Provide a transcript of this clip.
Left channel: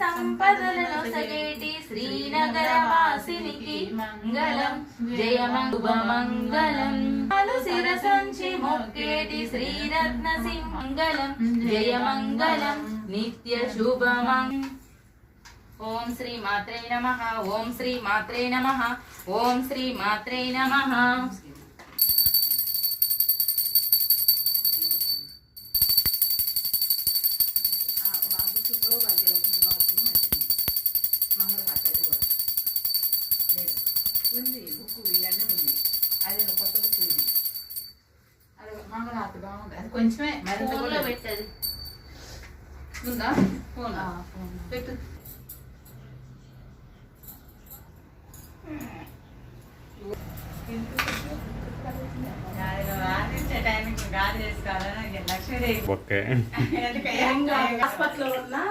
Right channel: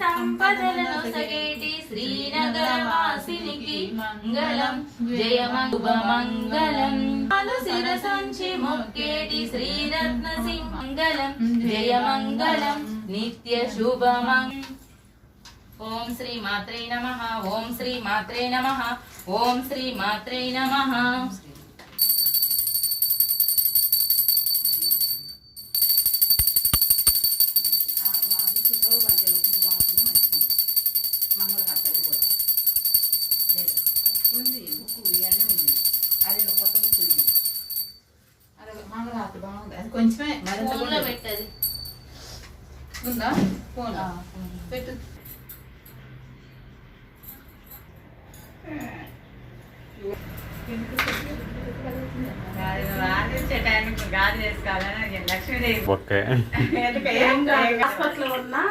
సంపదలను సగేటి శ్రీనగర వాసినికి మంగళం జయ మంగళం శిరసంచి మొక్కేటి శ్రీరత్న సింహంగళం జయ మంగళం నిత్య శుభమం. ఓం శ్రీ మాత్రే నమః. ఓం శ్రీ మాత్రే నమః. ఓం శ్రీ మాత్రే నమః. ఉంది బుక్ ఇవన్నీ ఉంది. అది కొత్త బుక్ ఇది. అది మంగళహారతి బాగుంది. అది కొంచెమే ఫోన్లో పెట్టది ఉందా? ఫోన్ పెట్టు. ఓకే. హాస్పిటల్ ఉన్నా